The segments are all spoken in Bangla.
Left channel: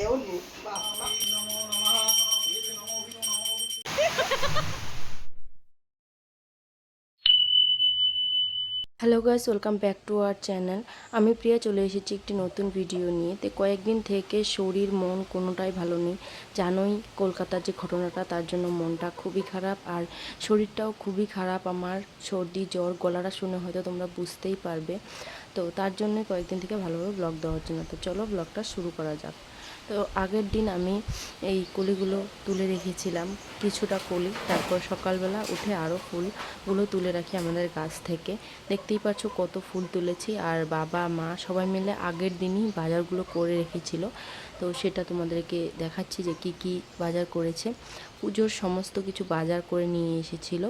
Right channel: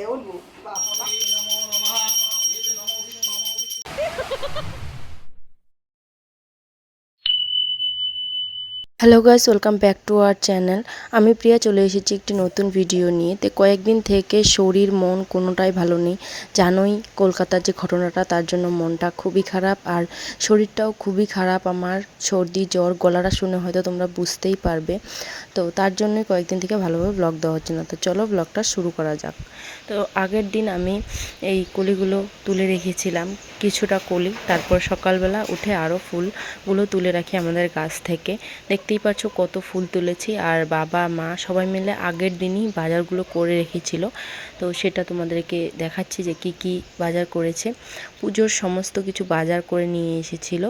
é o lucro. Hello guys welcome back to our channel আমি প্রিয়া চলে এসেছি একটি নতুন ভিডিও নিয়ে। তো কয়েকদিন থেকে শরীর, মন কোনোটাই ভালো নেই। জানোই কলকাতার যে ঘটনাটা, তার জন্য মনটা খুবই খারাপ আর শরীরটাও খুবই খারাপ। আমার সর্দি, জ্বর, গলাটা শুনে হয়তো তোমরা বুঝতেই পারবে। তো তার জন্যই কয়েকদিন থেকে ভালোভাবে ব্লগ দেওয়া হচ্ছে না। তো চলো ব্লগটা শুরু করা যাক। তো আগের দিন আমি এই কলিগুলো তুলে রেখেছিলাম। কিছুটা কলি, তারপর সকালবেলা উঠে আরও ফুলগুলো তুলে রাখি আমাদের গাছ থেকে। দেখতেই পাচ্ছ কত ফুল তুলেছি, আর বাবা, মা সবাই মিলে আগের দিনই বাজারগুলো করে রেখেছিল। তো সেটা তোমাদেরকে দেখাচ্ছি যে কি কি বাজার করেছে। পুজোর সমস্ত কিছু বাজার করে নিয়ে এসেছিল,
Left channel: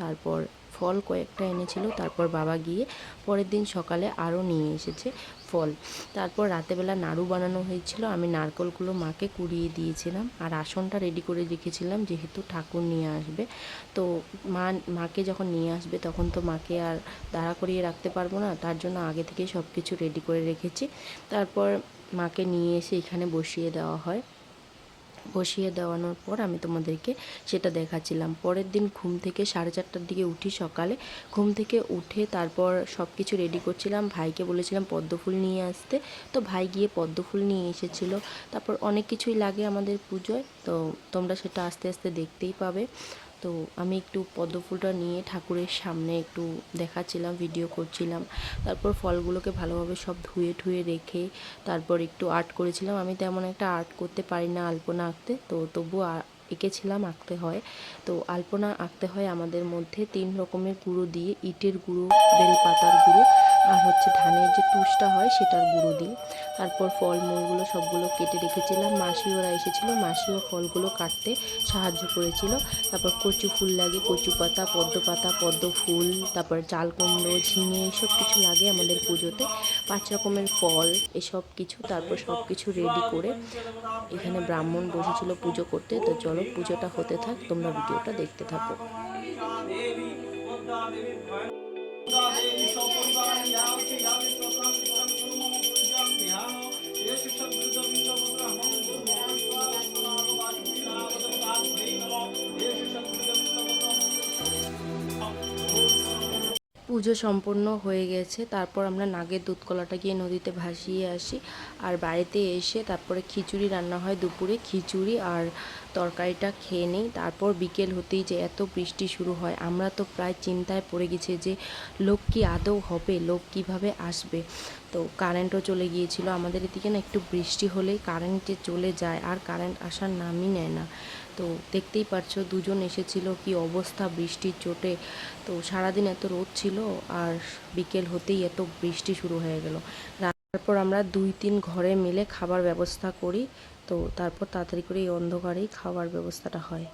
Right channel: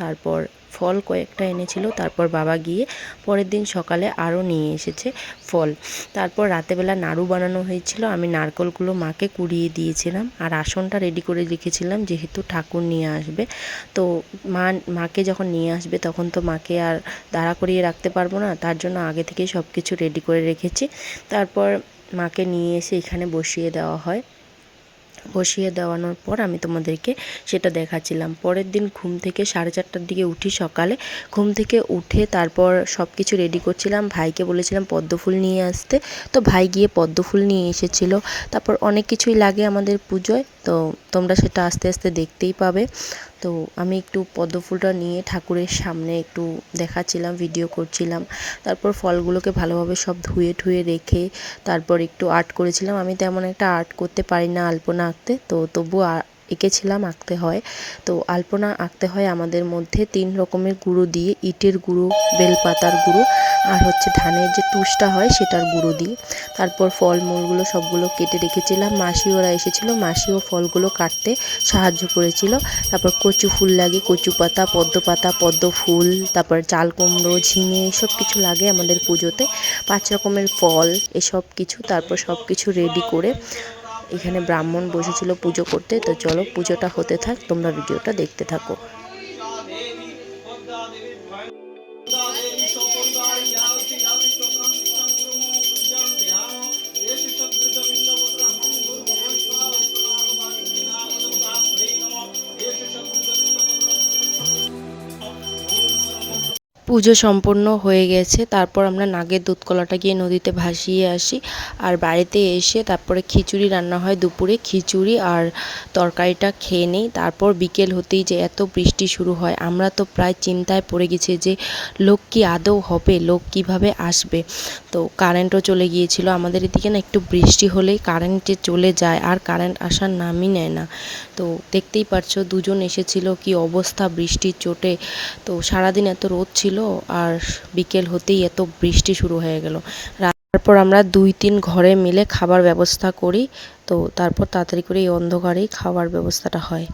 তারপর ফল কয়েকটা এনেছিল, তারপর বাবা গিয়ে পরের দিন সকালে আরও নিয়ে এসেছে ফল। তারপর রাতেবেলা নাড়ু বানানো হয়েছিল, আমি নারকলগুলো মাকে কুড়িয়ে দিয়েছিলাম আর আসনটা রেডি করে রেখেছিলাম যেহেতু ঠাকুর নিয়ে আসবে। তো মা, মাকে যখন নিয়ে আসবে তখন তো মাকে আর দাঁড়া করিয়ে রাখতে পারব না, তার জন্য আগে থেকেই সব কিছু রেডি করে রেখেছি। তারপর মাকে নিয়ে এসে এখানে বসিয়ে দেওয়া হয়। বসিয়ে দেওয়ানোর পর আমি তোমাদেরকে সেটা দেখাচ্ছিলাম। পরের দিন ঘুম থেকে সাড়ে চারটার দিকে উঠি সকালে। ঘুম থেকে উঠে তারপর সব কিছু রেডি করছিলাম। ভাইকে বলেছিলাম পদ্মফুল নিয়ে আসতে। তো ভাই গিয়ে পদ্মফুল নিয়ে এসেছিল। তারপর অনেক কিছুই লাগে আমাদের পুজোয়। তো তোমরা সেটা আস্তে আস্তে দেখতেই পাবে। তো আমি একটু পদ্ম ফুলটা নিয়ে ঠাকুরের সামনে একটু দেখাচ্ছিলাম ভিডিও করছিলাম। তারপর ফলগুলোকে ভালোভাবে সব ধুয়ে ঠুয়ে রেখে তারপর একটু আর্ট করেছিলাম। আমি তেমন একটা আর্ট করতে পারি না আলপনা আঁকতে, তো তবু এঁকেছিলাম আঁকতে হয়। তো আলপনা আঁকতে হয় আমাদের মধ্যে তিন রকমের গুঁড়ো দিয়ে, ইটের গুঁড়ো, বেলপাতার গুঁড়ো। আর হচ্ছে ধানের যে তুষটা হয় সেটার গুঁড়ো দিই। তারপর ফলমূলগুলো সবগুলো কেটে রেখেছিলাম। মাসি ওরা এসেছিল, মাসিও ফলগুলো কাটতে সাহায্য করেছিল। তারপর কচু ফুল লাগে, কচু পাতা, পদ্ম পাতা, পদ্ম ফুল, তারপর চাল কুমড়ো, ঝিঙে এসব কিছু লাগে আমাদের পুজোতে। পাঁচ রকমের ফল, এসব কিছু, তারপর সব কিছু রেডি করে এখানে ব্রাহ্মণ বসেছিল পুজো করতে। তো চলো পুজোটা হতে থাক, তোমরা ভিডিওটা দেখতে থাকো। देवी सपरिवार यावति यावति प्रथम संक्रम पूजन ध्यान एष शब्दविन्दपुत्र हम गुरु भगवान् स्वाहा स्वाहा वासुदेवाय नमः एष शब्द পুজো সম্পন্ন হয়ে গেছে। তারপর আমরা নাগের দুধ কলাটা গিয়ে নদীতে ভাসিয়ে আসি। আর বাড়িতে এসে তারপরে খিচুড়ি রান্না হয় দুপুরে। খিচুড়ি আর তরকারিটা খেয়ে নেই। তারপর বিকেল হতেই যে এত বৃষ্টি শুরু হয়, আমরা তো প্রায় চিন্তায় পড়ে গেছি যে লোক কি আদৌ হবে, লোক কীভাবে আসবে। তো কারেন্টও চলে গিয়েছিল। আমাদের এদিকে না একটু বৃষ্টি হলেই কারেন্টে চলে যায় আর কারেন্ট আসার নামই নেয় না। তো দেখতেই পারছ, দুজন এসেছিল, কি অবস্থা বৃষ্টির চোটে। তো সারাদিন এত রোদ ছিল আর বিকেল হতেই এত বৃষ্টি শুরু হয়ে গেল। তারপর আমরা দুই তিন ঘরে মিলে খাবার ব্যবস্থা করি। তো তারপর তাড়াতাড়ি করে এই অন্ধকারেই খাওয়ার ব্যবস্থাটা হয়।